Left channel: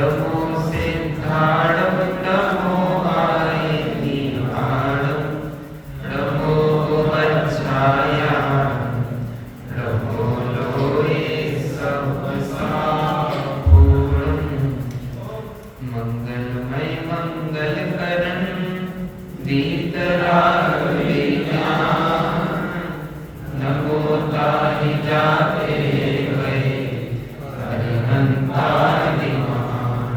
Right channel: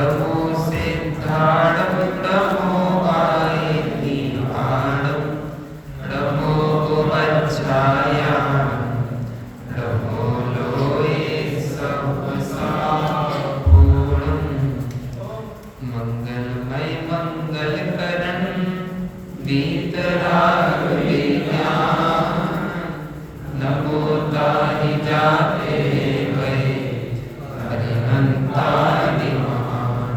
नमो सिद्धाणं नमो आयतिहाणं नमो उपच्छायां नमो लोये सर्वसापूर्णं मंगलमय मंगलकरण वीतरागवीना नमो ताहि जाते वै हरिहंतानि महान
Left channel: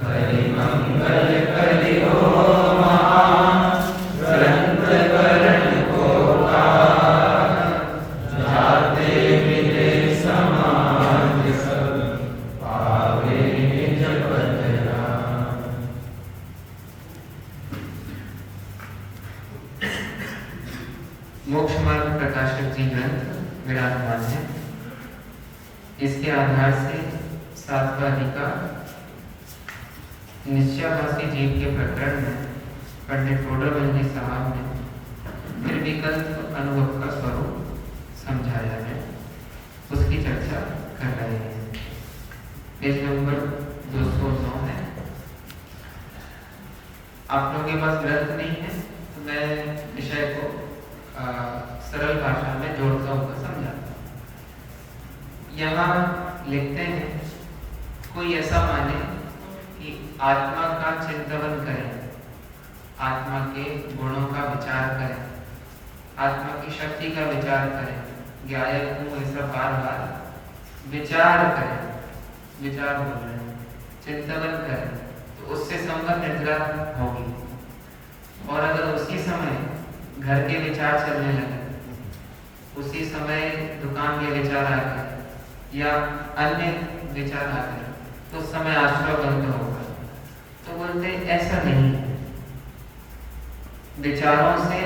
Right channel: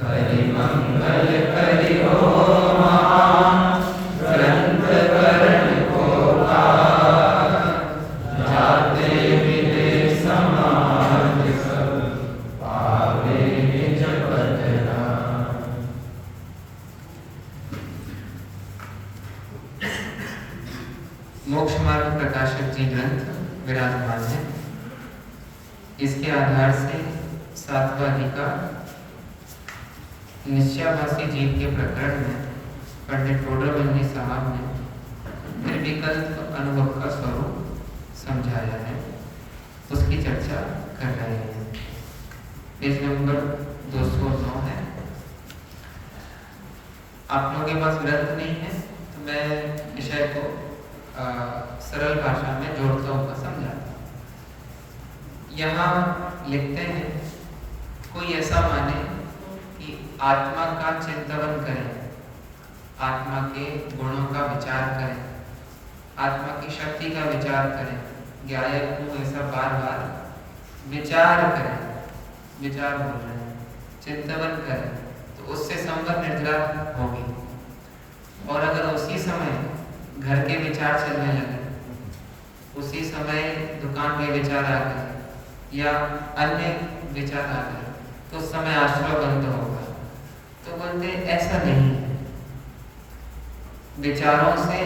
करि मंगल करि हो महान ग्रंथ करण को जाते मिले समाज सब पावे निज पदरा। मोक्ष मार्ग प्रकाशक जी ग्रंथ विराजमान है। इसके आधार से सातवां अधिकार निश्चयाभासी जीव के प्रकरण में पंडित टोडरमल साहब ने निर्विकल्प अनुभव का स्वरूप समझाया है, उसकी चर्चा कर रहे हैं। पेज नंबर 209 है। आप लोगों के पास ग्रंथ नहीं है तो मैं विषय को सरल भाषा में जोड़ता हूँ, समझाता हूँ। यहाँ लिखते हैं कोई ऐसा माने कि आत्मा का चिंतन करें, आत्मा के गुणों का विचार करें, आत्मा की शक्ति का विचार करें, ज्ञायक को ऐसा बार बार विचार करें, विचार बोल रहे हैं, चिंतन करें तो उससे संबंध निद्रा होगी। और अगर उसी समय घर के विचार चलने लगे, उसी समय दुकान के विचार आ गए या अन्य विचार आ गए तो उस समय आश्रय बंद होगा। तो बोलते ऐसा नहीं, विचारों से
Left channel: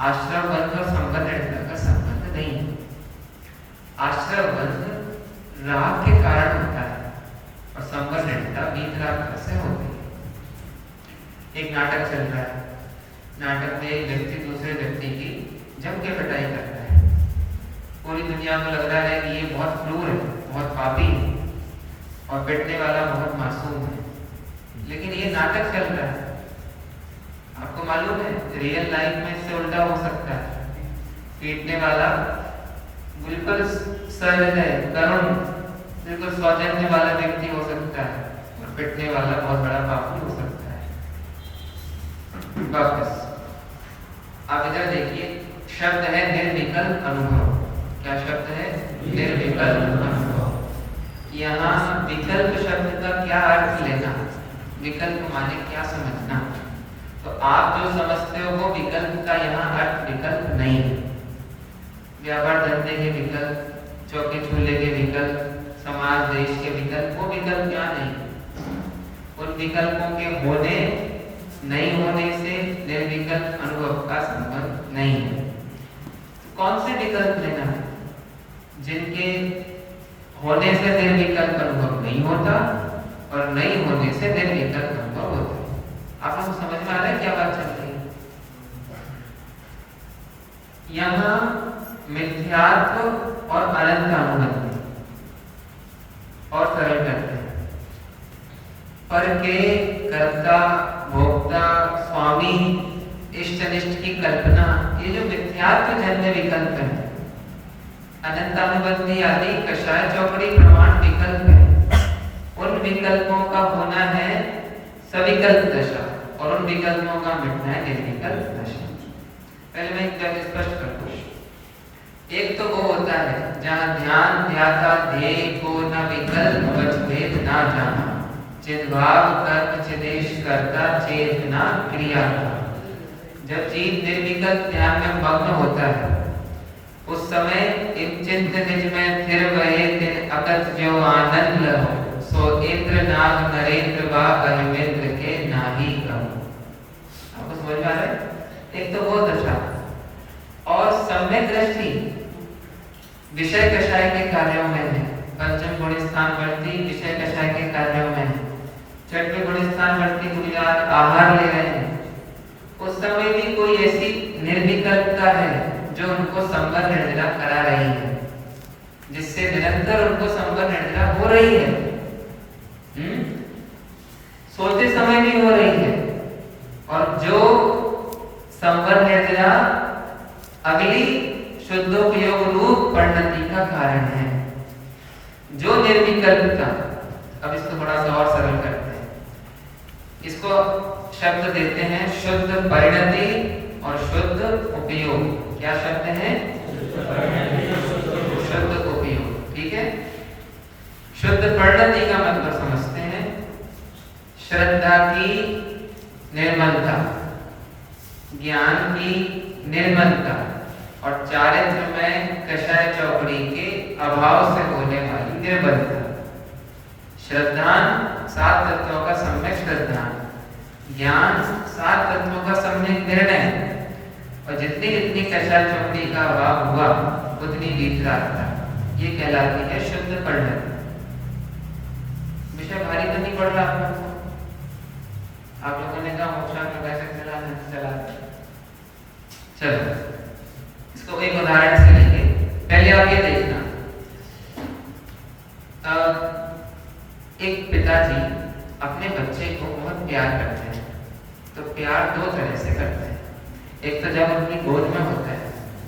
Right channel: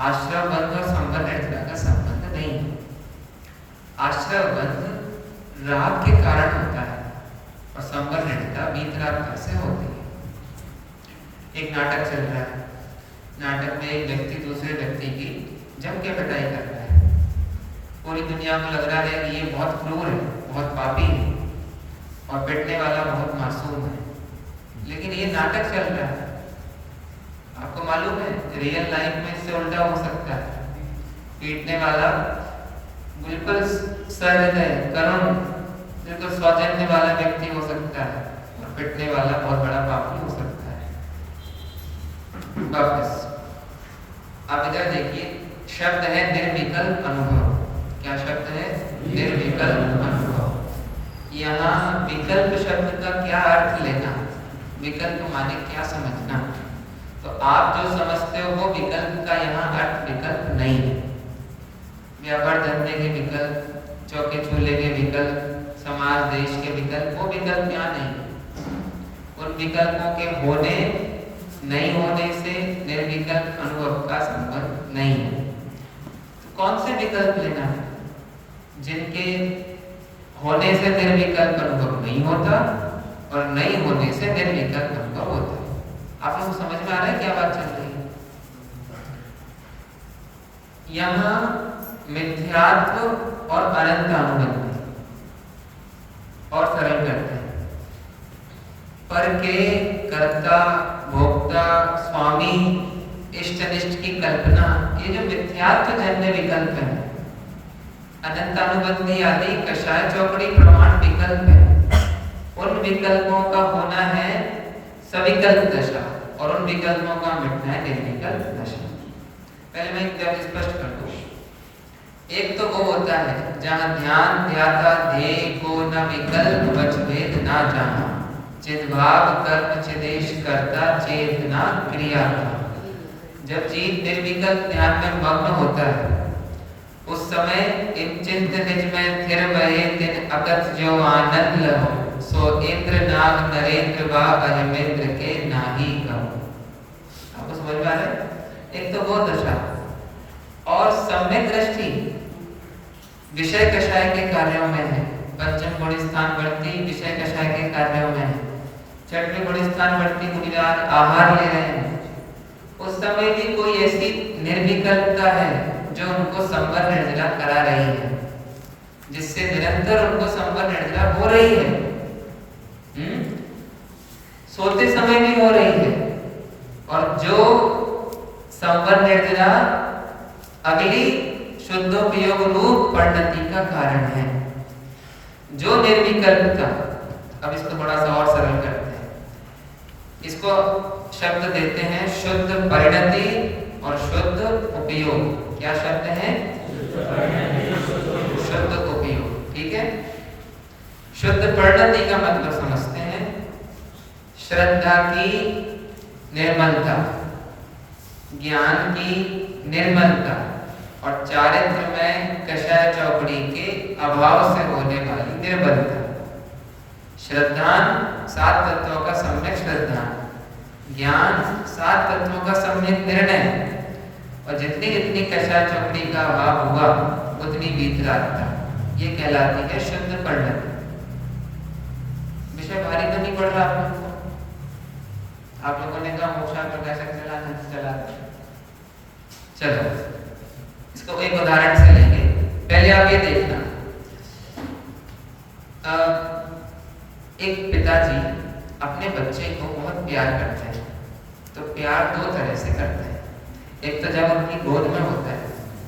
आश्रय बंध और संबंध का संबंध नहीं। आश्रय बंध राग के कारण होता है और संबंध वीतराग से हो गई। एक नाटक चल रहा है, नाटक में एक व्यक्ति दूसरे व्यक्ति की जम के पिटाई कर रहा है। पूरी दुनिया को लग रहा है कि ये बहुत क्रूर है, बहुत पापी है और पिटने वाला बहुत मासूम है, लेकिन ये नाटक चल रहा है। आपको मालूम है रियल लाइफ में इससे उल्टा हो सकता है। पीटने वाला बिल्कुल सहृदय करुण बिल्कुल सौजन्य वाला व्यक्ति हो सकता है और पिटने वाला बहुत बड़ा पापी हो सकता है। वापस आप इधर देखिए, शब्द है निर्विकल्प अनुभव। क्या शब्द है? निर्विकल्प अनुभव। यहाँ विकल्प शब्द का क्या अर्थ लेना, विकल्प माने क्या समझना। तो आप जो समझते हो वो विकल्प का यहाँ अर्थ विकल्प नहीं है। व्यापार धंधे के विकल्प, चौके चूल्हे के विकल्प, समाज देश के विकल्प, वो विकल्प यहाँ नहीं है। उन विकल्पों के होने नहीं होने से निर्विकल्प अनुभव का संबंध नहीं है। कौन से विकल्प लेना है? जिनके होने से निर्विकल्प अनुभव नहीं होता और नहीं होने से निर्विकल्प अनुभव होता है। आप लोग समझ में आ रहा है क्या बात चल रही है? यहाँ मिथ्यात्व और अनंत अनुबंध और सरल करते हैं। पर के कर्ता भोक्ता स्वामी इष्ट अनिष्ट की कल्पना, ये जो मिथ्यात्व जन्य विकल्प है, अनंतानुबंधी आदि कषाय चौकड़ी प्रमाण विकल्प है। उन विकल्पों का होना है सविकल्प दशा और उन विकल्पों का मिटना है निर्विकल्प दशा। पहले मैं एक बात स्पष्ट कर दूं। एक तो वो होता है जहाँ ध्यान ध्याता ध्येय को न विकल्प वच भेद ना जाना, चिद्भाव कर्म चिदेश करता चेतना क्रिया। जब जीव निर्विकल्प ध्यान में मग्न होता है उस समय इन चिंत निज में थिर वहे तिन अकथ जो आनंद लहो, सो इंद्र नाग नरेंद्र वा अहमेंद्र के नाही कहो। आपको समझ में आ रहा है? एक तो वो दशा। और सम्यक दृष्टि विषय कषाय के कार्यों में है। पंचम गुण स्थान वर्ती विषय कषाय के कार्यों में है। छठवें गुण स्थान वर्ती बुनियाद आहार ले रहे हैं। उस समय भी कोई ऐसी निर्विकल्पता है जो उनको संवर निर्जला करा रही है, जिससे निरंतर उनको संवर निर्जला हो रही है। सोते समय भी हो रही है। और जो संवर निर्जरा अगली शुद्धोपयोग रूप परिणति का कारण है। जो निर्विकल्पता, अब इसको थोड़ा सा और सरल करते हैं, इसको शब्द देते हैं शुद्ध परिणति और शुद्ध उपयोग। क्या शब्द है? शुद्ध उपयोग। ठीक है। शुद्ध परिणति का मतलब समझते हैं श्रद्धा की निर्मलता, ज्ञान की निर्मलता और चारित्र में कषाय चौकड़ी के अभाव से होने वाली निर्बलता। श्रद्धान 7 तत्वों का सम्यक श्रद्धान, ज्ञान 7 तत्वों का सम्यक निर्णय, और जितनी जितनी कषाय चौकड़ी का अभाव हुआ उतनी वीतरागता, ये कहलाती है शुद्ध परिणति। विषय भारी तो नहीं पड़ रहा आप लोगों ने कहा मोक्षा प्रकाशक चला। चलो इसको एक उदाहरण से लेंगे। पहले आप ये देखना, एक पिताजी अपने बच्चे को बहुत प्यार करते हैं। तो प्यार 2 तरह से करते हैं। एक तो जब अपनी गोद में होता है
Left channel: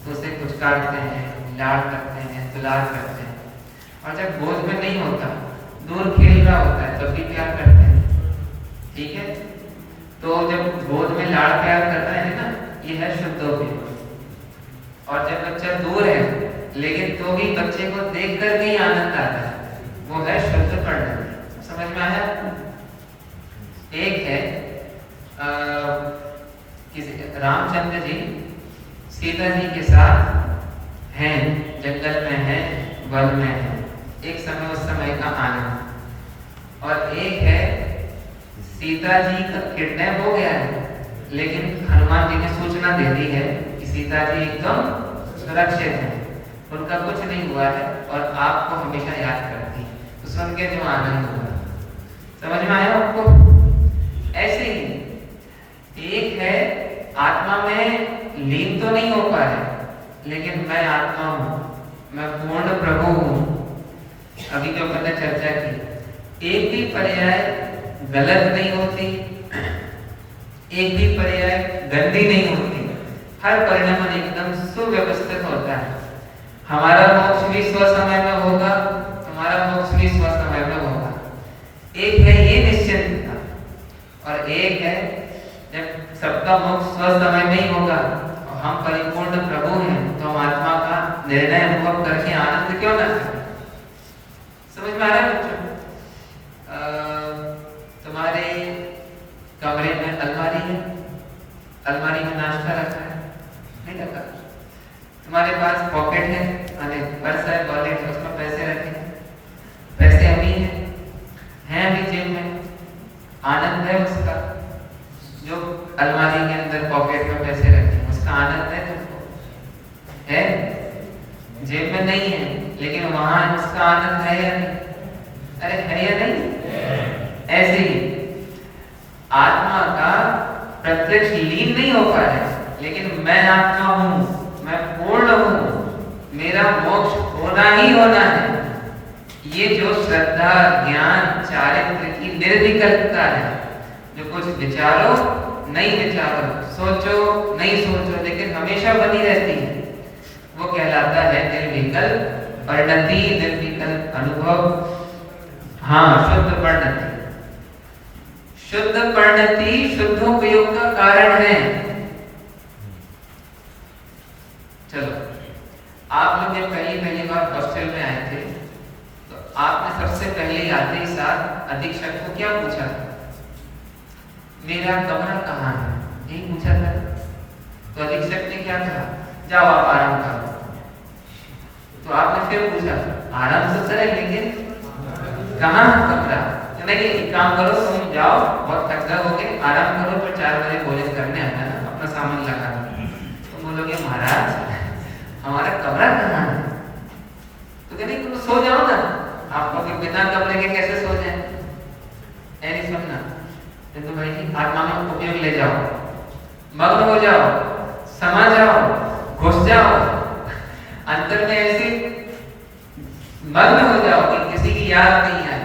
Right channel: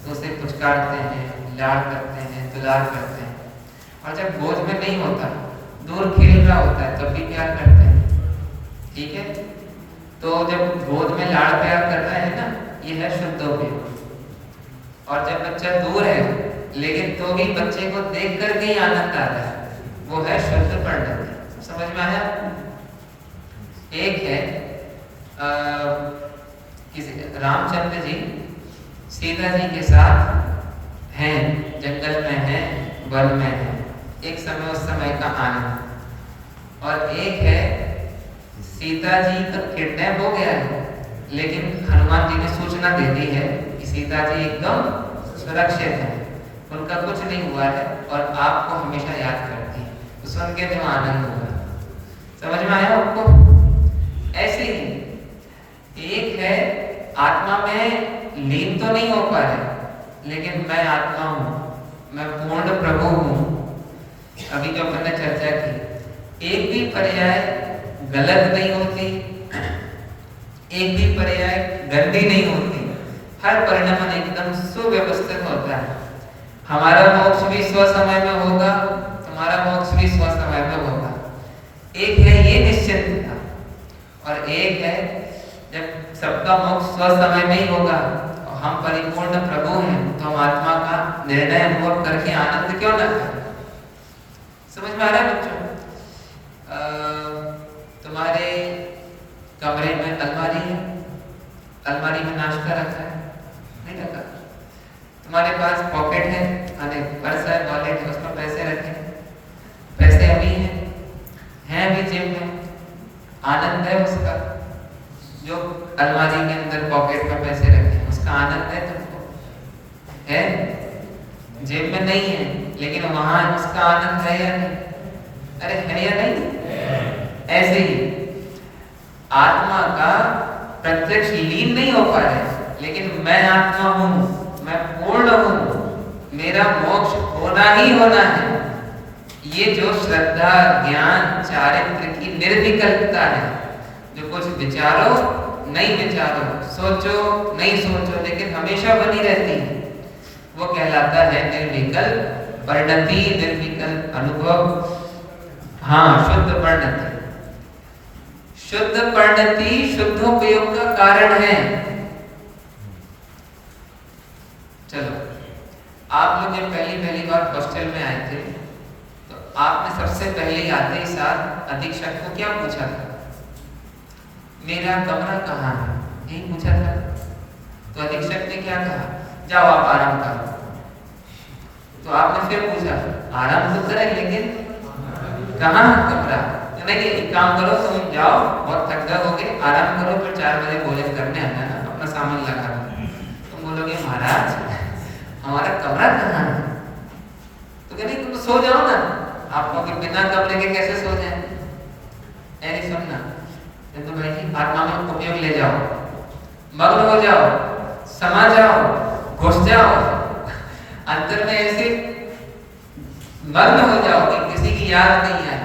तो उसे पुचकारते हैं, लाड़ करते हैं, दुलार करते हैं। और जब गोद में नहीं होता, दूर खेल रहा होता है, तब भी प्यार करते हैं। ठीक है। तो जब गोद में लाड़ प्यार करता है ना, ये है शुद्धोपयोग। और जब बच्चा दूर है लेकिन तो भी बच्चे को देख कर के ही आनंद आता है, वो है शुद्ध परिणति। समझ में आया? एक है रामचंद्र जी सीता जी के साथ हैं, जंगल में हैं, वन में हैं। एक समय उस समय का आनंद। और एक है सीता जी का किडनैप हो गया है, लेकिन हनुमान जी ने सूचना दे दी है कि सीता जी एकदम सुरक्षित है, उनका कुछ नहीं हुआ है और आपको हमेशा याद करती। तो सुन के जो आनंद होगा, समझ में आया आपको? ऐसे ही एक है आत्मा में लीन तो नहीं हो पा रहे, लेकिन मैं आत्मा हूँ, मैं पूर्ण प्रभु हूँ। अभी जो मैंने चर्चा की, एक भी पर्याय गलत नहीं होती, एक भी पर्याय गंदी नहीं होती। हर परिणाम एकदम सुव्यवस्थित होता है। हमारा मोक्ष भी स्व समय में होगा, तुम्हारा मोक्ष भी स्व समय में होगा। एक है ये निश्चिंतता, और एक है जब सबका मोक्ष स्व समय में ही होगा और हम परिपूर्ण प्रभु हैं, तो हम आत्मा का निर्णय अनुभव करके आनंद क्यों न करें? समझ में आ रहा है बच्चों? तुम्हारे कमरे में अलमारी है, अलमारी में नाश्ता रखा है, नहीं रखा? तुम्हारे पास पॉकेट है, माने पर्स है, वॉलेट है, उसमें पैसे रखे हैं, पैसे अभी हैं अभी जेब में, आनंद है उसका। जो अलमारी के अंदर पॉकेट में पैसे रखे हैं, उसका आनंद है तुमको? है? जेब में नहीं है, लेकिन वहां उसका आनंद है या नहीं? अरे है या नहीं? ऐसे ही आत्मा का प्रत्यक्ष लीन नहीं हो पा रहा है, लेकिन मैं आत्मा हूँ, मैं पूर्ण हूँ, मेरा मोक्ष होना ही होना है। ये जो श्रद्धा, ज्ञान, चारित्र की निर्विकल्पता है, जो कुछ विचारो नहीं विचारो, सोचो नहीं सोचो, लेकिन हमेशा बनी रहती है, वो कहलाता है निर्विकल्प परिणति, निर्विकल्प अनुभव। हाँ, शुद्ध परिणति। शुद्ध परिणति शुद्धोपयोग का कारण है। चलो, आप लोग जब पहली बार हॉस्टल में आए थे, तो आपने सबसे पहले आते ही साथ अधीक्षक को क्या पूछा था? मेरा कमरा कहाँ है? यही पूछा था। तो अधीक्षक ने क्या कहा? जाओ आप आराम करो। तो आपने फिर पूछा, आराम तो करे, लेकिन कहाँ है कमरा? तो नहीं, एक काम करो, तुम जाओ, बहुत थक गए होगे, आराम करो, फिर 4 बजे भोजन करने आना, अपना सामान लगा दो। तुम बोलोगे महाराज हमारा कमरा कहाँ है? तो कहते तुम सो जाओ ना। आप लोग बिना कमरे के कैसे सो जाए? ऐसे सुनना, तो भाई आत्मा में उपयोग ले जाओ, मग्न हो जाओ, समा जाओ, घुस जाओ, अंतर में ऐसे मग्न हो जाओ कि किसी की याद नहीं है,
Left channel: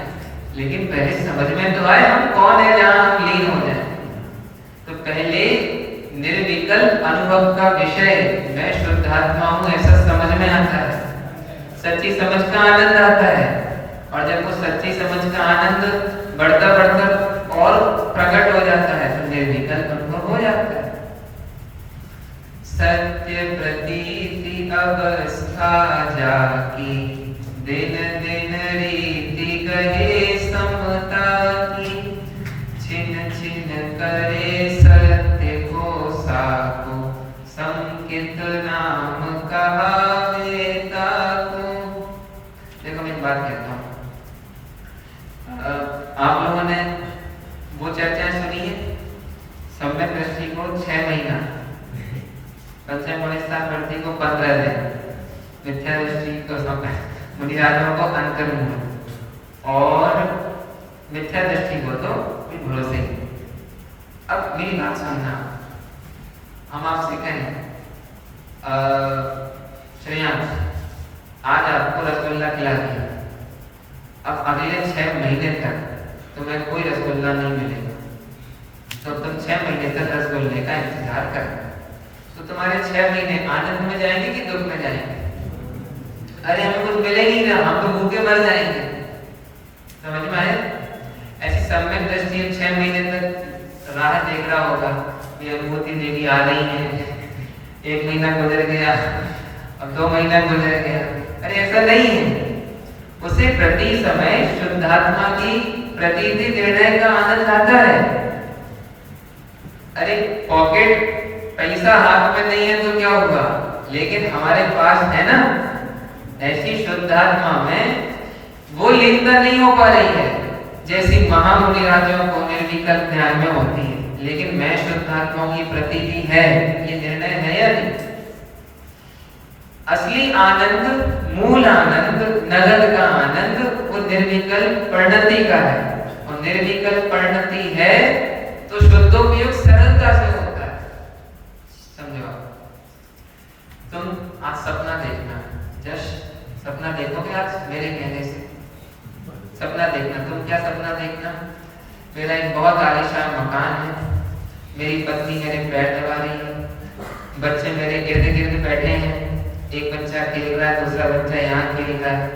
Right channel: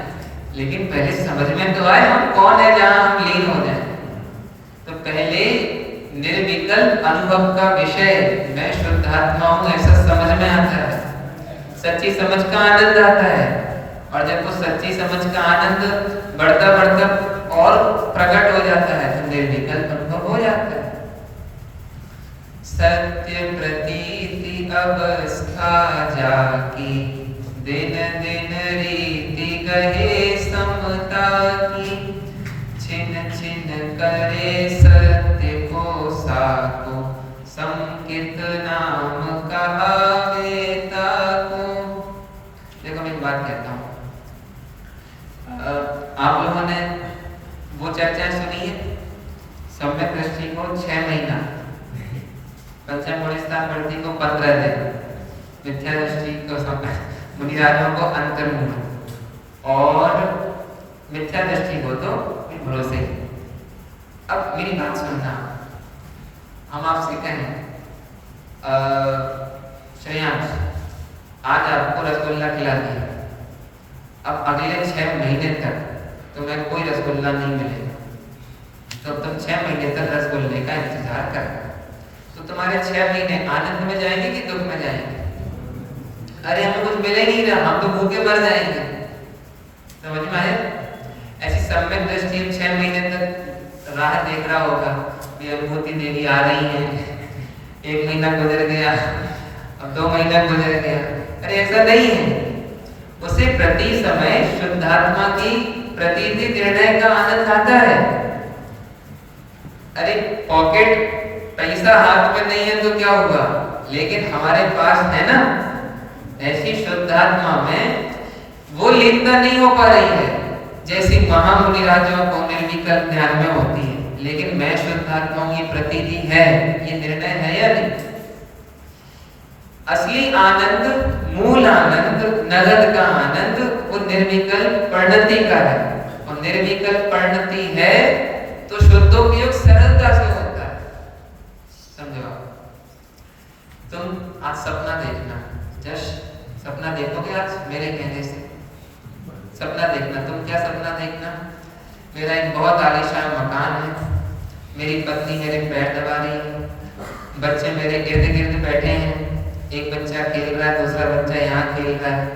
लेकिन पहले समझ में तो आए हम कौन है जहां हम लीन हो जाए। तो पहले निर्विकल्प अनुभव का विषय मैं शुद्धात्मा हूं ऐसा समझ में आता है, सच्ची समझ का आनंद आता है। और जब वो सच्ची समझ का आनंद बढ़ता बढ़ता और प्रकट हो जाता है तो निर्विकल्प अनुभव हो जाता है। सत्य प्रतीति अवस्था जाकी दिन दिन रीति कहे समता की, छिन छिन करे सत्य को साको संकित नाम कहावे ताको। देखो मैं एक बात कहता हूँ, आप लोगों ने वो चर्चा सुनी है सम्यक दृष्टि को 6 महीना, पंचम गुणस्थान वृद्धि को 15 दिन, मिथ्या दृष्टि को समय मुनिराजों को अंतर्मुख और मिथ्या दृष्टि को तो भरोसे। अब मेरी बात सुनना, हम आपसे कहें श्रेयांश आज आपको रसगुल्ला खिला दिया, अब अगले 6 महीने तक तुम्हें कोई रसगुल्ला नहीं मिलेगा, तो तुम 6 महीने तक रसगुल्ले का इंतजार करना। तो तुम्हारे 6 महीने आनंद में जाएंगे कि दुख में जाएंगे? अरे हमें कुछ मिले नहीं रहा, हम तो भूखे मर जाएंगे। समझ में आया? ऐसी सम्यक दृष्टि 6 महीने तक राह देख रहा होगा, ये अनुभूति देवी आ रही है, 1 महीना गुजर गया, अब 2 महीना गुजर गया। अरे ऐसा नहीं है, उसे प्रति समय शुद्धात्मा की प्रतीति निर्णय का आनंद आता है। अरे पॉकेट पैसा हाथ में नहीं है तो क्या होगा, लेकिन हमारे पास है ना, ऐसी शुद्धात्मा में वो लीनता नहीं हो पा रही है जैसी महामुनि राजाओं को निर्विकल्प ध्यान में होती है। लेकिन मैं शुद्धात्मा की प्रतीति है, ये निर्णय है या नहीं? असली आनंद, मूल आनंद, नगद का आनंद वो निर्विकल्प परिणति का है, और निर्विकल्प परिणति है तो शुद्धोपयोग सरलता से होता है। समझो? तुम आज सपना देखना, जश सपना देखोगे आज मेरे कहने से, सपना देखना। तुम क्या सपना देखना? मेरा एक बहुत आलीशान मकान है, मेरी पत्नी मेरे पैर दबा रही है, बच्चे मेरे गिर्द गिर्द बैठे हैं, एक बच्चा खेल रहा है, दूसरा बच्चा यहाँ खेल रहा है,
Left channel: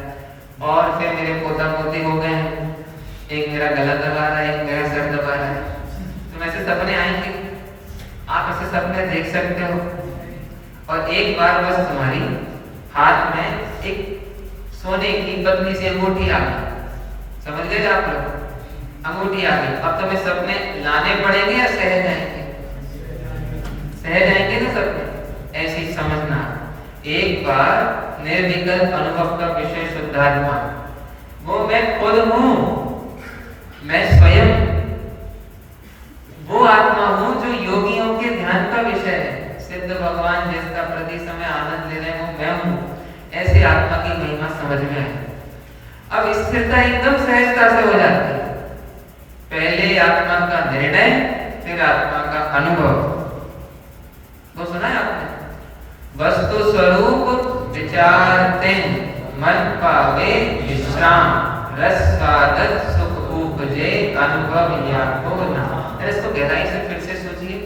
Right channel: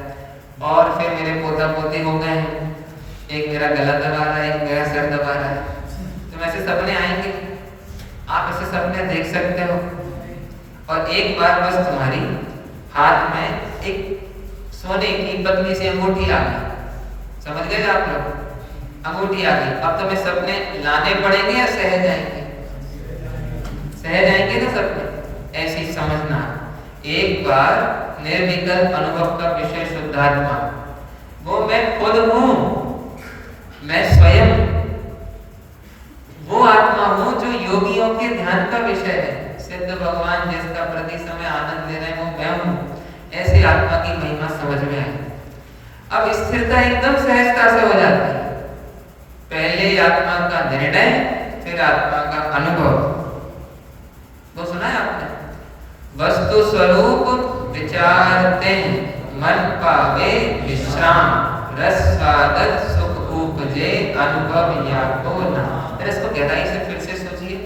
और फिर मेरे पोता पोती हो गए हैं, एक मेरा गला दबा रहा है, एक मेरा सर दबा रहा है। तो ऐसे सपने आएंगे, आप ऐसे सपने देख सकते हो। और एक बार बस तुम्हारी हाथ में एक सोने की पतली सी अंगूठी आ गई, समझ गए आप लोग? अंगूठी आ गई, अब तुम्हें सपने लाने पड़ेंगे या सह जाएंगे? सह जाएंगे ना सपने। ऐसी समझना, एक बार निर्विकल्प अनुभव का विषय शुद्धात्मा, वो मैं खुद हूं, मैं स्वयं वो आत्मा हूं जो योगियों के ध्यान का विषय है। सिद्ध भगवान जिसका प्रति समय आनंद ले रहे हैं वो मैं हूं। ऐसी आत्मा की महिमा समझ में आई। अब स्थिरता एकदम सहजता से हो जाती है। पहले आत्मा का निर्णय, फिर आत्मा का अनुभव। वो सुना है आपने? वस्तु स्वरूप विचारते मन पावे विश्राम, रस स्वादत सुख उपजे अनुभव या को ना। इसको गहराई से फिर से सोचिए।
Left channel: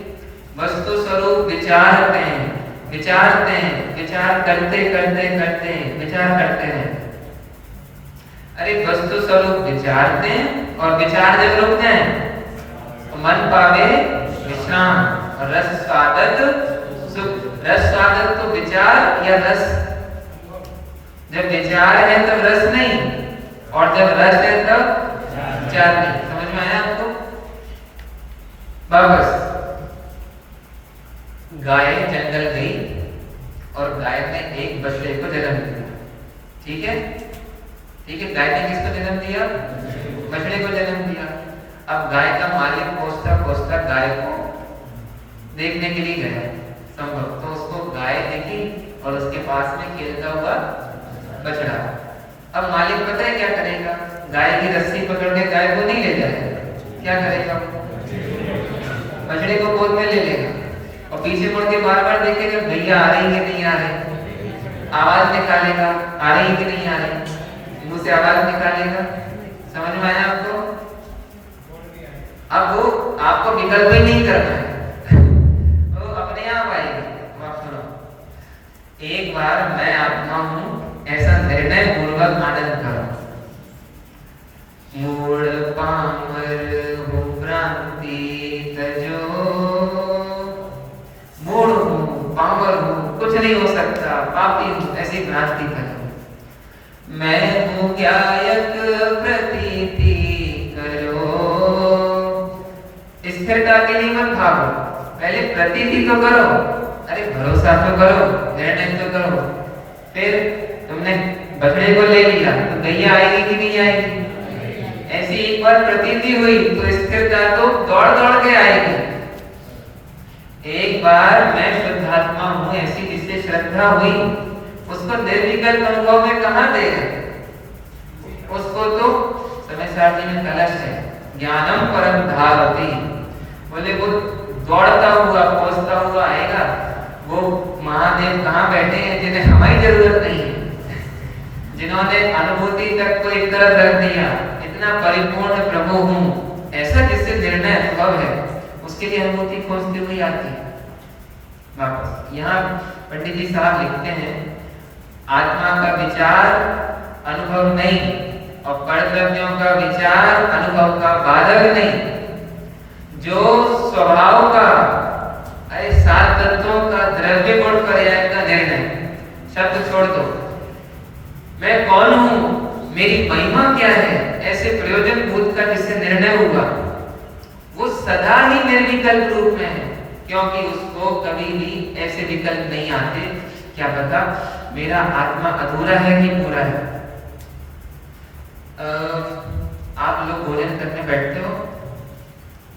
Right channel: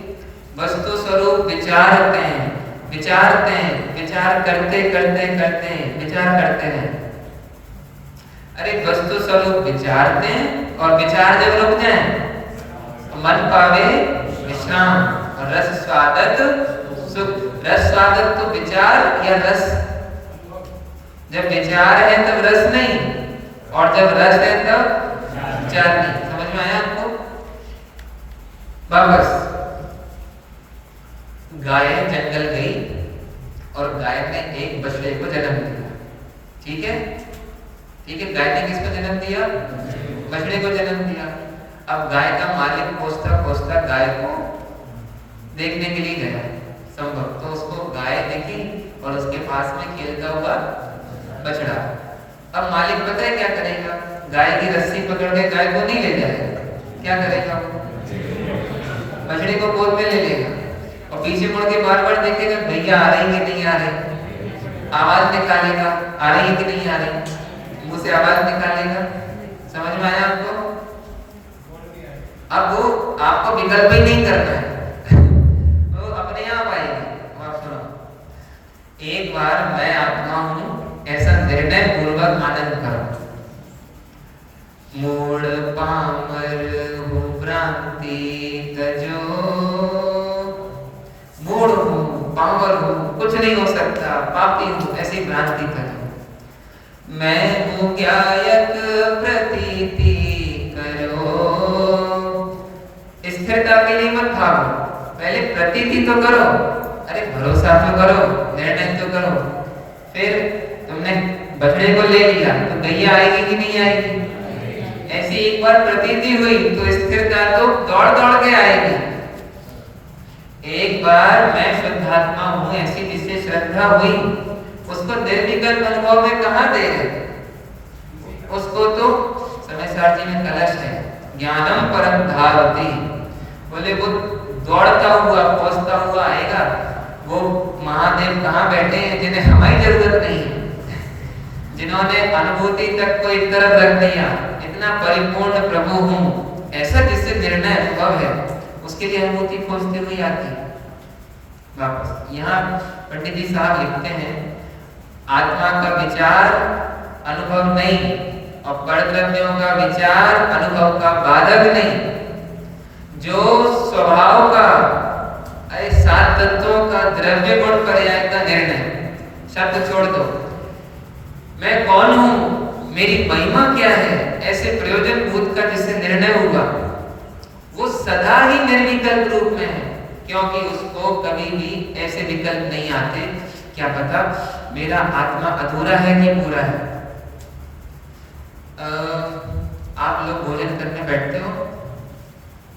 वस्तु स्वरूप विचारते हैं, विचारते हैं, विचार करते करते करते हैं, विचार करते हैं। अरे वस्तु स्वरूप विचारते हैं, और विचार जब रुक जाए तो मन पावे विश्राम, और रस स्वादत सुख। रस स्वादत तो विचार या रस? जब विचार है तब रस नहीं, और जब रस है तब विचार नहीं। समझ में आया आपको? वापस गाय जंगल गई और गाय ने एक बछड़े को जन्म दिया। ठीक है, ठीक है। गाय ने किसको जन्म दिया? बछड़े को जन्म दिया। अब गाय का मालिक पोसता पोसता गाय को देखने के लिए गया संभव, तो उसको गाय देखी और उसके पास में खेलता हुआ बछड़ा। अब मालिक पता है क्या करेगा? गाय की रस्सी पकड़ के गाय को नहीं ले जाएगा, क्या करेगा? बछड़े को गोद में ले लेगा और पीछे मुड़ के बार बार देखेगा भैया आ रही कि नहीं आ रही, आवाज निकालेगा आ रही कि नहीं आ रही, मुंह से आवाज निकालेगा। समझ में आया आपको? अब वो आपको विकल्प ही नहीं करना है, वो अपने आप आएगी। आप सुनो, एक बार मैं आत्मा हूं ऐसा निर्णय पूर्वक आनंद करो। मूढ़ पामर हो भ्रांति तजो, मूढ़ हूं, पामर हूं, कुछ नहीं हो सकता, पापी हूं, ऐसी भ्रांति करो। मैं हूं ज्ञायक प्रतीति करो। स्थिरता के लिए मत भागो, पहले प्रतीति तो करो, अरे भरोसा तो करो, निर्णय तो करो। फिर तुमने बछड़े को ले लिया तो गैया आएगी कि नहीं आएगी? ऐसी एक बार प्रतीति हुई तो स्थिरता तो दौड़ दौड़ के आएगी। एक बार मैं शुद्धात्मा हूं ऐसी जिससे श्रद्धा हुई, उसको निर्विकल्प अनुभव में कहां दे रहे? उसको तो समय सार जी ने कलश है, ज्ञानम परम धावती, बोले वो दौड़ता हुआ पहुंचता हुआ आएगा। वो महादेव कहां बैठे हैं जिन्हें हमारी जरूरत नहीं है, जिन्होंने अनुभूति तक को एक तरफ रख दिया, इतना परिपूर्ण प्रभु हूं ऐसा जिससे निर्णय अनुभव है, उसके लिए अनुभूति खोजते हुए आती है। वापस यहाँ पंडित जी साहब लिखते हैं, आत्मा का विचार अनुभव नहीं और परद्रव्यों का विचार अनुभव का बाधक नहीं। जो स्वभाव का, अरे सात तत्वों का द्रव्य गुण पर्याय का निर्णय, शब्द छोड़ दो, मैं कौन हूं, मेरी महिमा क्या है, ऐसे प्रयोजन भूत का जिससे निर्णय होगा, वो सदा ही निर्विकल्प रूप में है, क्योंकि उसको कभी भी ऐसे विकल्प नहीं आते क्या पता मेरा आत्मा अधूरा है कि पूरा है। आप लोग भोजन करने बैठते हो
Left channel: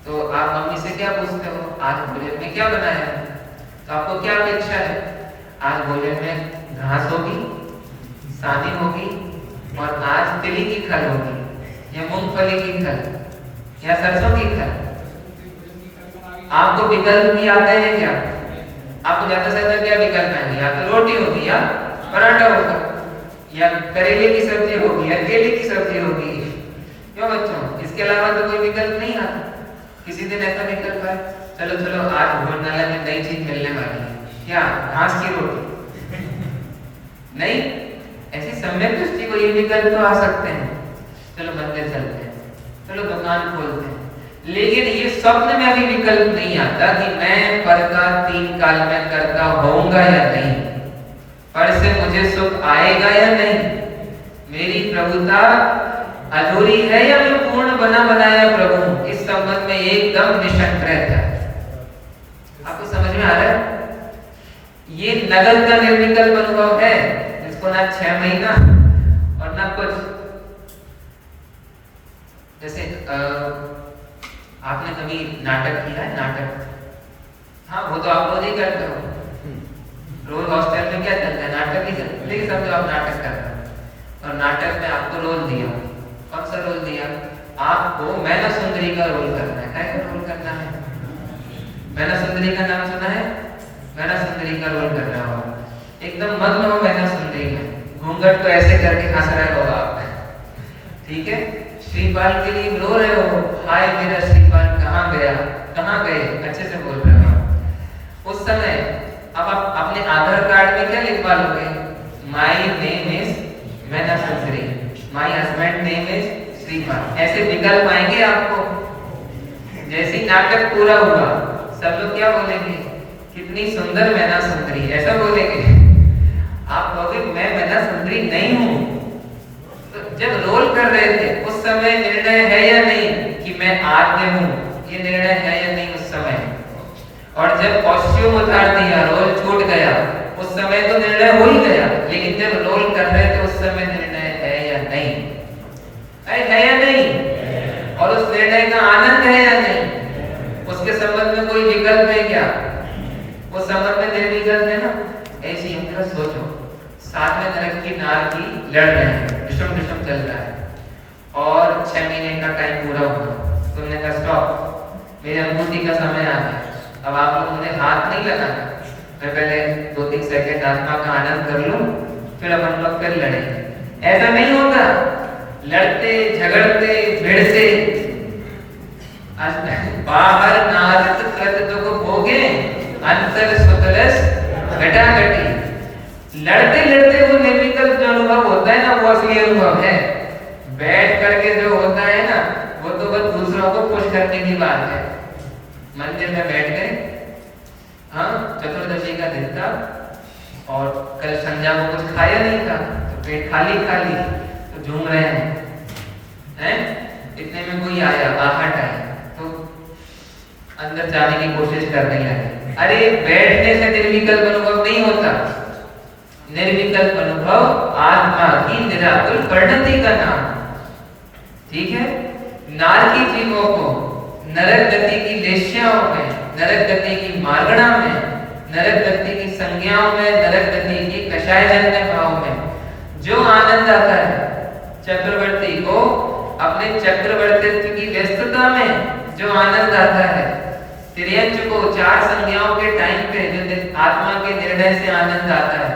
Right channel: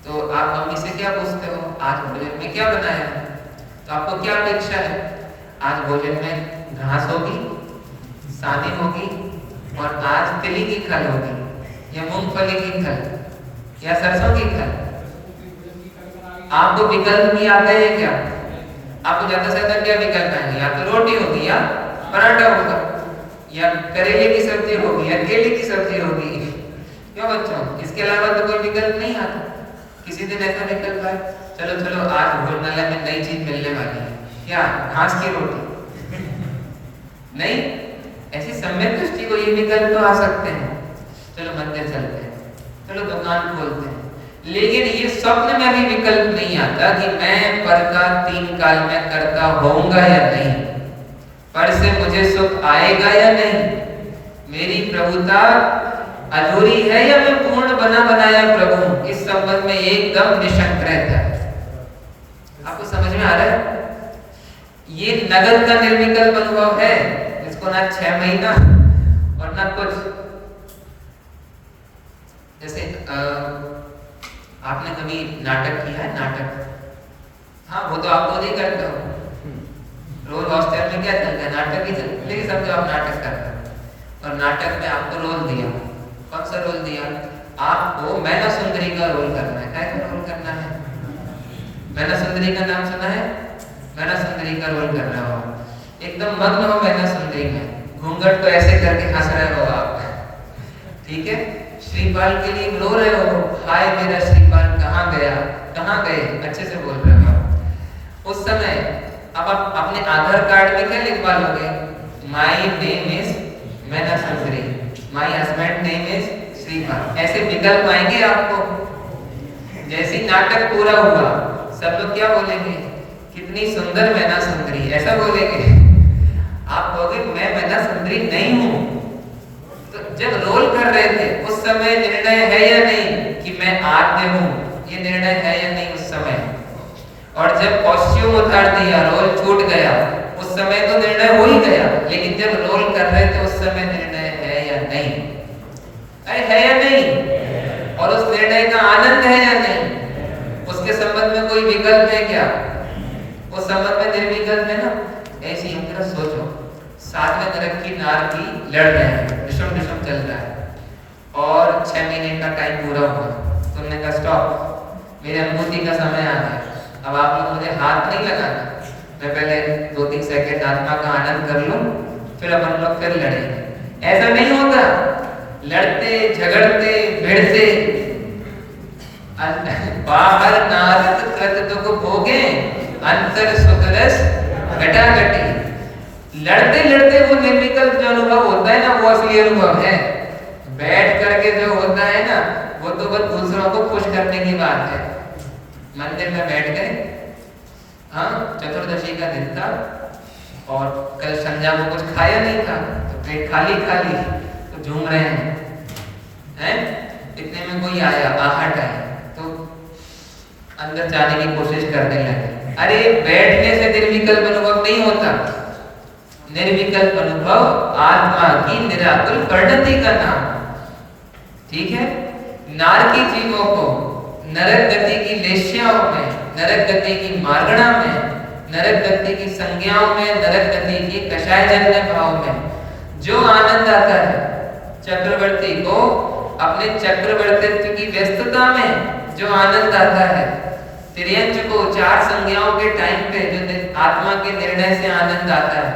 तो आप मम्मी से क्या पूछते हो, आज भोजन में क्या बनाया है? तो आपको क्या अपेक्षा है? आज भोजन में घास होगी, सानी होगी और आज तिली की खल होगी या मूंगफली की खल या सरसों की खल। आपको विकल्प भी आते हैं क्या? आपको ज्यादा से ज्यादा क्या विकल्प है? या तो रोटी होगी या पराठा होगा या करेले की सब्जी होगी या केले की सब्जी होगी। क्यों बच्चों, इसके अलावा तो कोई विकल्प नहीं आता। किसी दिन ऐसा विकल्प है, चलो चलो आज भोजनालय में नई चीज मिलने वाली है, क्या घास की रोटी? नहीं, ऐसी सम्यक दृष्टि को ये विकल्प तो आ सकते हैं। चलो मंदिर चलते हैं, चलो दुकान खोलते हैं, लेकिन ये स्वप्न में भी विकल्प नहीं आता कि मैं पर का 3 काल में करता होऊंगा या नहीं, पर से मुझे सुख आएगा या नहीं, मेरी प्रभुता अधूरी है या मैं पूर्ण बना बनाया प्रभु, इस संबंध में एकदम निशंक रहता है। आपको समझ में आ रहा है? ये नगद का निर्विकल्प अनुभव है, जिसको ना 6 महीना और ना कुछ। जैसे आपने कभी नाटक किया है? नाटक, हाँ वो तो आप रोज ही करते हो, रोज हॉस्टल में क्या चलता है? नाटक ही चलता है। लेकिन समझो आप नाटक कर रहे हैं और नाटक में आपको रोल दिया, कौन सा रोल दिया? आपको मैना सुंदरी का रोल करना है। क्या रोल करना है? मैना सुंदरी का नाम सुना है? मैना सुंदरी का रोल करना हो, एकदम मग्न हो मैना सुंदरी में, घूंघट तो ऐसे करके हंस रहे हो आप, ठीक है? श्रीपाल के लिए रो रहे हो, हाय मेरा श्रीपाल कहाँ गया, कहाँ गए, अच्छे से बोल रहे हो। उस समय अब आप अपने आधार कार्ड में क्या लिखवा लोगे? माय नेम इज मैना सुंदरी, my husband name is Shripal. ऐसे विकल्प आएंगे आपको। जैसे नाटक पूरा हुआ, सब लोग क्या बोलेंगे? कितनी सुंदर मैना सुंदरी, ऐसा बोलेंगे। आप बोलोगे मैं मैना सुंदरी नहीं हूं। तो जब रोल कर रहे थे उस समय निर्णय है या नहीं कि मैं आत्मा हूं, ये निर्णय है या नहीं उस समय? और जब कॉस्ट्यूम उतार दिया, रोल छूट गया, उस समय तो निर्णय हो ही गया, लेकिन जब रोल कर रहे थे उस समय निर्णय है या नहीं? है या नहीं? और उस निर्णय का आनंद है या नहीं? उसके संबंध में कोई विकल्प है क्या? उस संबंध में निर्विकल्प है ना? ऐसी हम सोचो, साथ में तरह की नारकी लड़ रहे हैं, निशम चल रहा है और 6 महीने का टाइम पूरा हुआ, तुमने कहा स्टॉप, मेरी अनुभूति का समय आ गया। अब आप लोगों ने हाथ नहीं लगाना, मैं पहले 2-3 सेकंड आत्मा का आनंद कर लूं, फिर अपन लोग फिर लड़ेंगे। ऐसा नहीं होगा, लड़ते झगड़ते भिड़ते आज बाहर नारद कद दुख भोगे अंतर सुतरस घटा घटी। लड़ते लड़ते वो निर्विकल्प जो अनुभव होता है ना, वो असली अनुभव है। बैठ करके जो होता है ना, वो तो बस दूसरों को खुश करने की बात है। मंदिर में बैठ गए, हाँ चतुर्दशी का दिन था और कल संध्या को कुछ खाया नहीं था, तो पेट खाली खाली तो झूम रहे हैं। इतने में कोई आया, आहट आई, तो अंदर जाने की कोशिश करने लगे। अरे बैठने से निर्विकल्प अनुभव नहीं होता। निर्विकल्प अनुभव आत्मा की निराकुल परिणति का नाम, ठीक है। नारकी जीवों को नरक गति की लेश्याओं में, नरक गति की मार्गणा में, नरक गति की संज्ञाओं में, नरक गति की कषायजन्य भाव में जो आनंद आता है, चक्रवर्ती को अपने चक्रवर्तित्व की व्यस्तता में जो आनंद आता है, तिर्यंच को चार संज्ञाओं के टाइम पे जो आत्मा के निर्णय से आनंद आता है,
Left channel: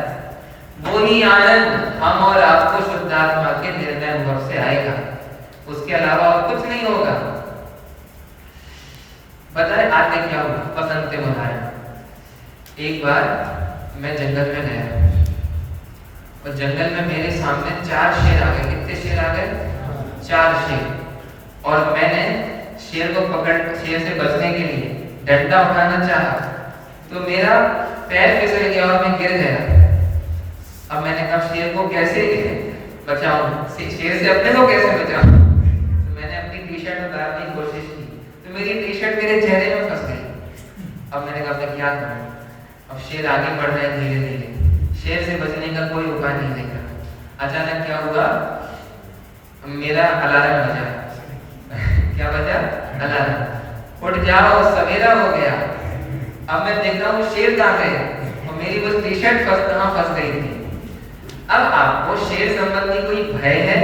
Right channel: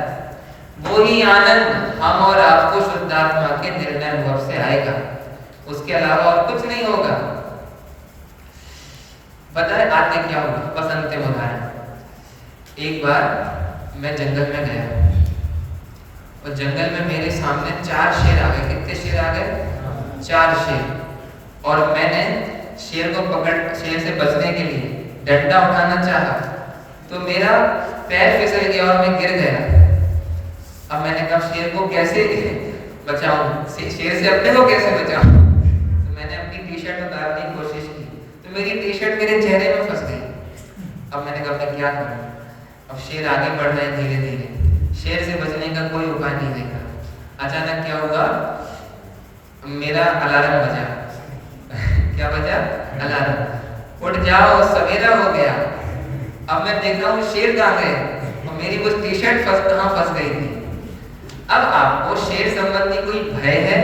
वो ही आनंद हम और आपको शुद्ध आत्मा के निर्णय अनुभव से आएगा। उसके अलावा और कुछ नहीं होगा। बताए आते क्या हुआ, बसंत में उदाहरण। एक बार मैं जंगल में गया और जंगल में मेरे सामने 4 शेर आ गए। कितने शेर आ गए? 4 शेर। और मैंने शेर को पकड़, शेर से बचने के लिए डंडा उठाना चाहा तो मेरा पैर फिसल गया और मैं गिर गया। अब मैंने कहा शेर को कैसे बचाऊं, शेर से अपने को कैसे बचाऊं? तो मैंने अपनी टी-शर्ट उतारने की कोशिश की तो मेरी टी-शर्ट मेरे चेहरे में फंस गई। अब मैंने कहा क्या करूं? अब शेर आगे बढ़ रहा है धीरे धीरे, शेर से बचने का कोई उपाय नहीं देखा। अचानक क्या हुआ, मेरा अलार्म बजा। क्या बजा? अलार्म। उठ जाओ सवेरा हो गया। अब मैं देख रहा हूँ शेर कहाँ गए और मेरी कुछ टी-शर्ट कहाँ फंस गई थी। अब आपको शेर संबंधी कोई भय है,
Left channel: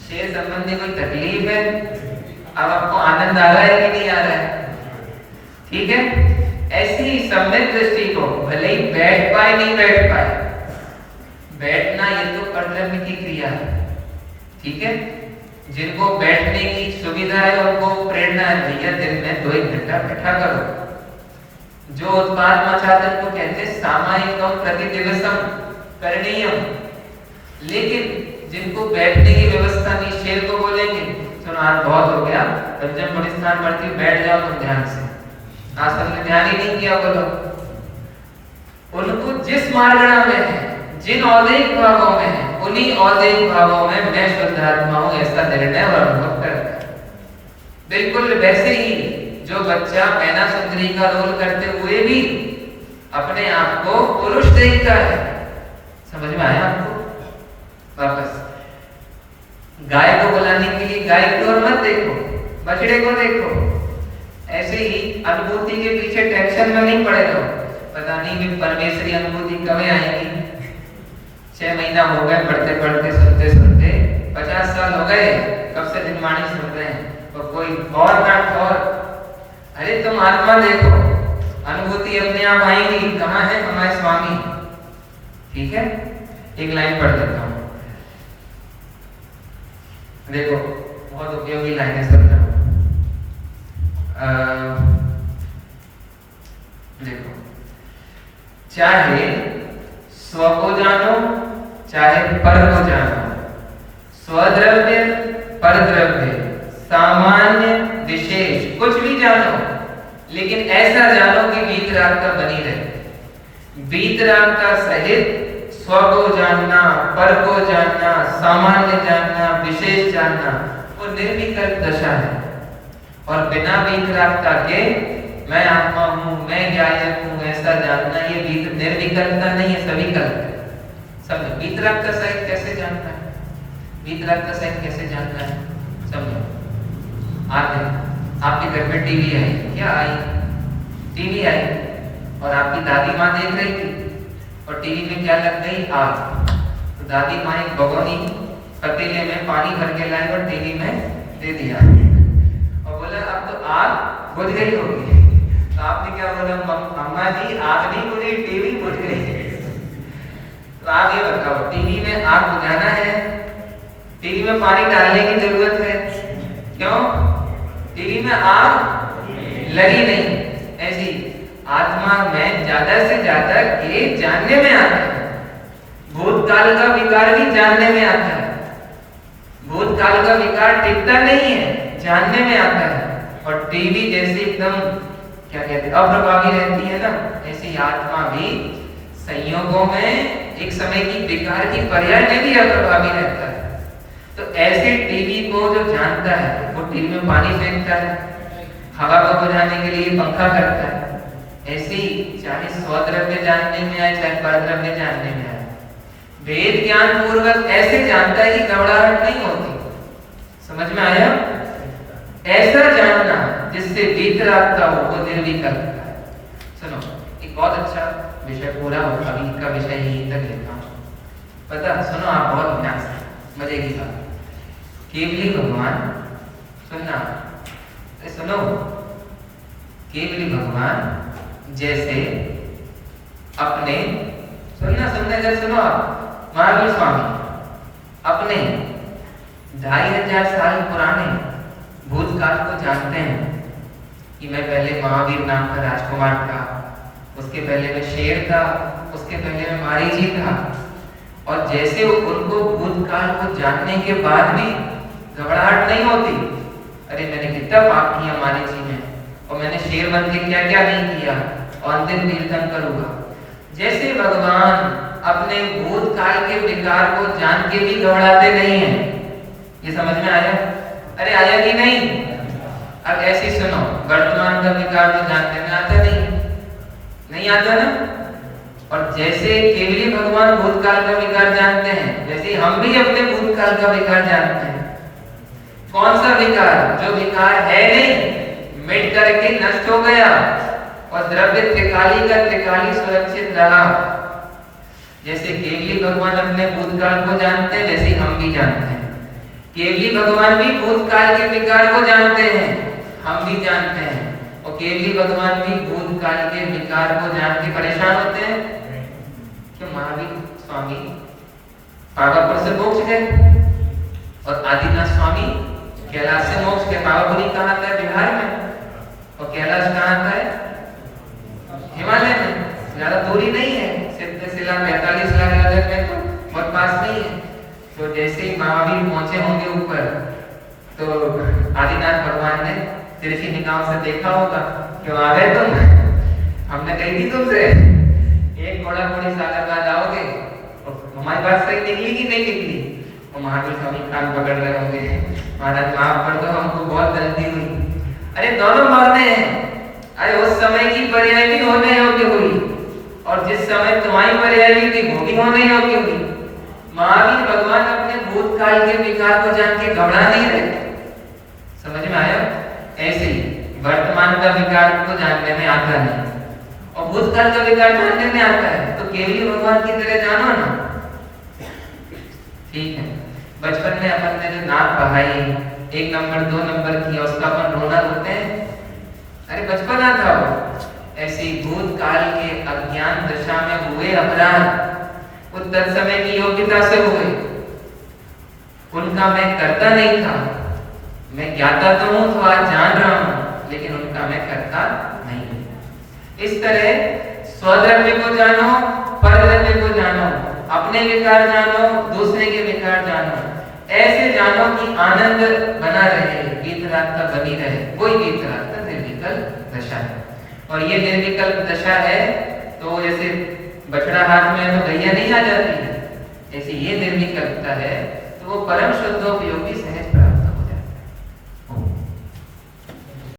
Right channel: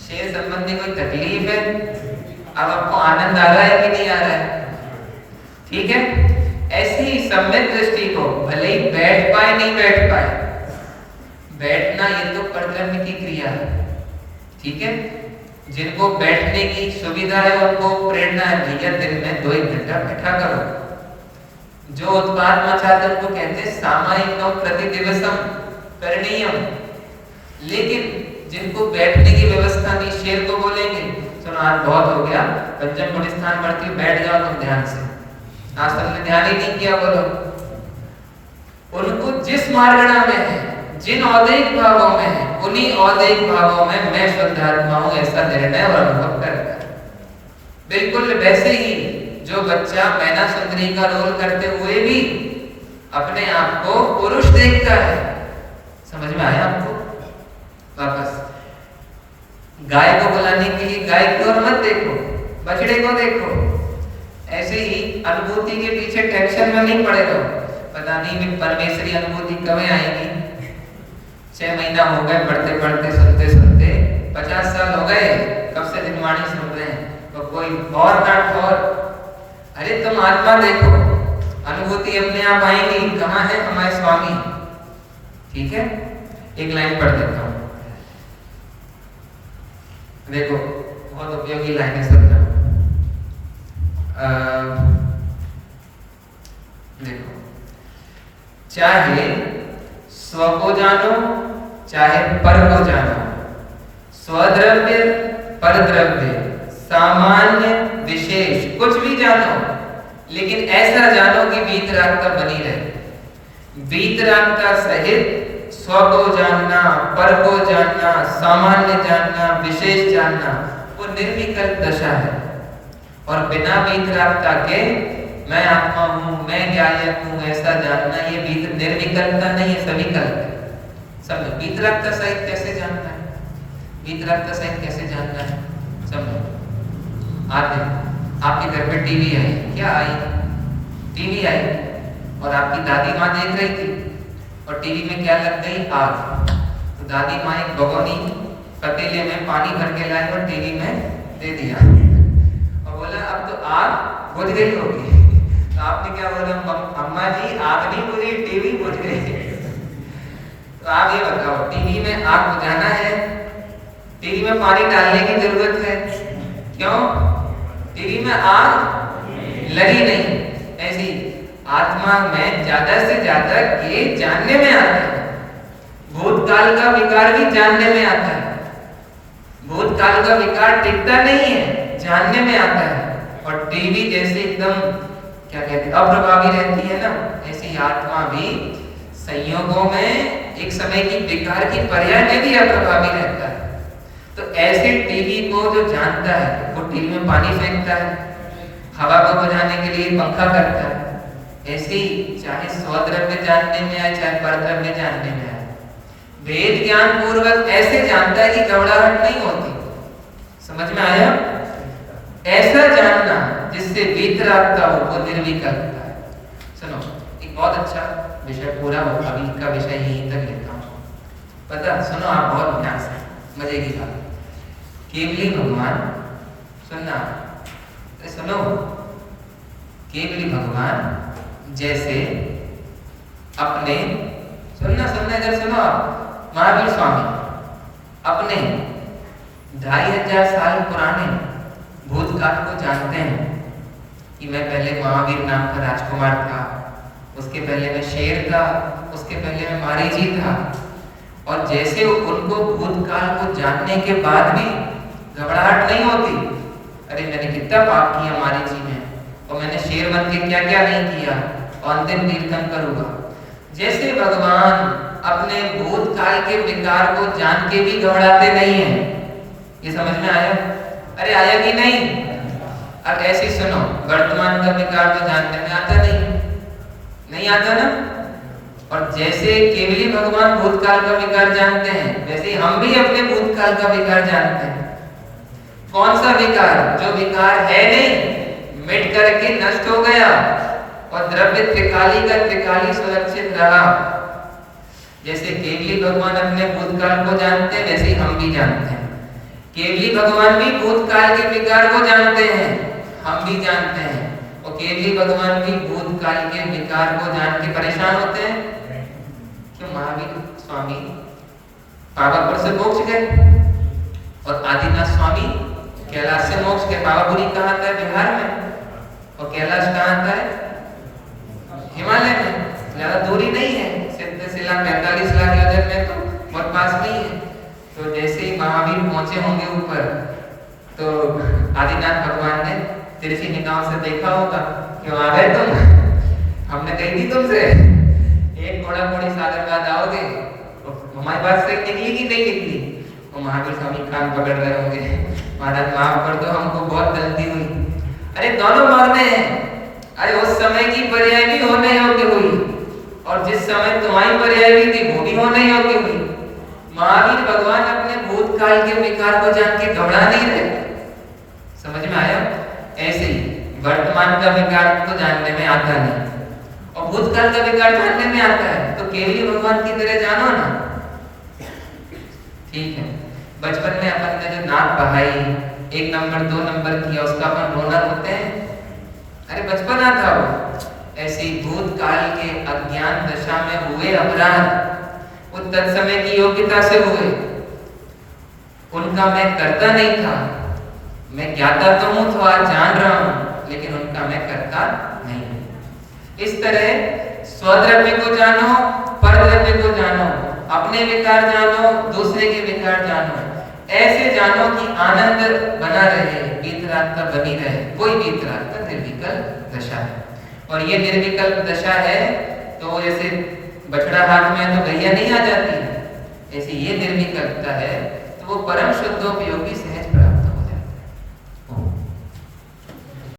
शेर संबंधी कोई तकलीफ है? अब आपको आनंद आ रहा है कि नहीं आ रहा है? ठीक है। ऐसी ही सम्यक दृष्टि को भले ही बैठ पाए नहीं बैठ पाए, बैठना ये तो कर्तव्य की क्रिया है, ठीक है। जिनको बैठने की सुविधा है उनको प्रेरणा है, भैया दिन में 2-1 घंटा बैठा करो। जो उत्पाद मचादन को कहते हैं सामायिकम प्रतिदिवसम करणीयम। लेकिन जिनको बैठने की व्यवस्था नहीं, शेर को बोलेंगे सुनो आज बहुत हो गया, पंचम पुण्य स्थान पढ़ती बैठ जाओ तुम ध्यान से, आज तुमने ध्यान ही नहीं किया बोलो। उनको जिस मार्गणा में है, जिन औदैहिक भावों में है, उन्हीं औदैहिक भावों में मैं शुद्ध आत्मा हूं ऐसा निर्णय और अनुभव कर रहा है। बिल्कुल वैसे ही जो बच्चा मैना सुंदरी का रोल करते हुए भी अपने आप को पुरुष देखता है। समझ में आया आपको? वापस गाय को बुलाने के लिए गाय की ओर मत देखो, बछड़े को देखो। ऐसे ही अनुभूति के पीछे टेंशन में नहीं पड़े रहो, पता नहीं भी परमेश्वरी अनुभूति कब आएगी। 6 महीना हो गए पढ़ते पढ़ते सुनते सुनते, 50 साल हो गए कब से निर्माणी सुन रहे हैं, तो कोई और बात और। अरे तुम आत्मा देखो, अनुभूति अपने आप आएगी। कहाँ है हमारे स्वामी? ठीक है, एक लाइन पढ़ देता हूँ, देखो बहुत उपयोगी लाइन है सुनना। देखो, चाहे स्व को जानो चाहे पर को जानो, स्वद्रव्य परद्रव्य सामान्य विशेष कुछ भी जानो, लेकिन ऐसा जानो कि वीतरागता बनी रहे। वीतरागता सहित स्व को जानना, पर को जानना, सामान्य जानना, विशेष जानना, वो निर्विकल्प दशा है। और बिना वीतरागता के मैं आत्मा हूँ, मैं ज्ञायक हूँ ऐसा जानना, ये निर्विकल्पता नहीं है, सविकल्प है। समझो वीतरागता सहित कैसे जानना है, वीतरागता सहित कैसे जानना है, समझो। आपके घर में टीवी आई, क्या आई? टीवी आई और आपकी दादी माँ देख रही थी और टीवी में क्या लग गई? आग। तो दादी माँ एक भगोनी पतीले में पानी भर के लाई और टीवी में दे दिया और बोला अब तो आग बुझ गई होगी। तो आपने क्या बोला? अम्मा जी आग नहीं बुझी, टीवी बुझ गई। तो आप ये बताओ, टीवी में आग बुझाना है, टीवी में पानी डालने की जरूरत है? क्यों? टीवी में आग लगी नहीं। ऐसी आत्मा में ज्यादा से ज्यादा ये जानने में आता है। भूतकाल का विकार भी जानने में आता है। भूतकाल का विकार टिकता नहीं है, जानने में आता है। और टीवी जैसे एकदम क्या कहते हैं अप्रभावी रहती है ना, ऐसी आत्मा भी संयोगों में एक समय की विकार की पर्याय में भी अप्रभावी रहता है। तो ऐसे टीवी को जो जानता है वो टीवी में पानी फेंकता है, हवा को बुझाने के लिए पंखा करता है। ऐसी चाहे स्वद्रव्य जानने में आए चाहे परद्रव्य जानने में आए, वेद ज्ञान पूर्वक ऐसे जानता है कि घबराहट नहीं होती। समझ में आया? ऐसा जानना जिससे वीतरागता हो वो निर्विकल्पता है। सुनो, एक बहुत अच्छा विषय पूरा हो, अभी का विषय यहीं तक लेता हूँ। पता सुनो आप बहुत ध्यान से, मजे की बात। केवली भगवान सुनना, सुनो, केवली भगवान जैसे अपने सुनना इधर सुनो, महावीर स्वामी अपने 2500 साल पुराने भूतकाल को जानते हैं कि मैं पहले महावीर नाम का राजकुमार था, उसके पहले मैं शेर था, उसके पहले मैं मारीजी था। और जैसे उनको भूतकाल को जानने के बाद भी घबराहट नहीं होती, अरे मैंने कितना पाप किया मारीजी में, और मैंने शेर बन के क्या क्या नहीं किया, और अंतिम कीर्तन करूंगा। जैसे भगवान अपने भूतकाल के विकार को जान के भी घबराते नहीं है। ये समझ में आया? अरे आया कि नहीं? अब ऐसे सुनो, वर्तमान का विकार में जानने में आता नहीं आता ना। और जैसे केवली भगवान भूतकाल का विकार जानते हैं, वैसे हम भी अपने भूतकाल का विकार जानते हैं। कौन सा विकार? जो विकार है नहीं, मिट करके नष्ट हो गया और द्रव्य त्रिकाली का त्रिकाली सुरक्षित रहा। जैसे केवली भगवान अपने भूतकाल को जानते हैं, वैसे हम भी जानते हैं। केवली भगवान भी भूतकाल के विकार को जानते हैं, हम भी जानते हैं। और केवली भगवान भी भूतकाल के विकार को जान के परेशान होते हैं। क्यों? महावीर स्वामी पावापुर से मोक्ष गए और आदिनाथ स्वामी कैलाश से मोक्ष गए। पावापुरी कहाँ आता है? बिहार में। और कैलाश कहाँ आता है? हिमालय में। ज्यादा दूरी नहीं है, सिद्धशिला 45 लाख योजन में, तो बहुत पास नहीं है। तो जैसे ही महावीर पहुंचे होंगे ऊपर, तो आदिनाथ भगवान ने तिरछी निगाह से देखा होगा, क्यों आ गए तुम? हमने कही थी तुमसे एक घोड़ा घोड़ी सागर बाद आओगे। हमारी बात सही निकली कि नहीं निकली? और महावीर स्वामी कान पकड़ रहे होंगे, महाराज वहां पर तो हमको बहुत जल्दी हुई। अरे दोनों मरने हैं। अरे उस समय की पर्याय भी होने योग्य हुई, और जिस समय तुम्हारी पर्याय भी थी वो भी होने योग्य हुई। महावीर भगवान अपने भूतकाल के विकार को जान के घबरा नहीं रहे। समझ में आया? ऐसे ही वर्तमान का विकार को जानने में आता नहीं, और भूतकाल का विकार जानने में आता है। तो केवली भगवान की तरह जानो ना। ठीक है, बचपन में अपन ने जो नाक बहाई, 1 नंबर 2 नंबर किया, उसका अपन रोना होते हैं। अरे बचपना था वो। ऐसे भूतकाल के अज्ञान दशा में हुए अपराध उत्तर समय की योग्यता से हुए, उनका मैं करता नहीं था। मैं ज्ञाता तो हूं, तो आज जान रहा हूं, लेकिन उनका मैं करता नहीं। इस तरह स्वद्रव्य को जानो, परद्रव्य को जानो, अपने विकार जानो, दूसरे के विकार जानो। ऐसे जानो कि आनंद बना रहे, वीतरागता बनी रहे। कोई वीतरागता निर्विकल्प दशा है, और ये निर्विकल्प दशा है तो ऐसे बछड़ा हाथ में तो गैया नहीं आ जाती है। ऐसे ये निर्विकल्पता है तो वो परम शुद्धोपयोगी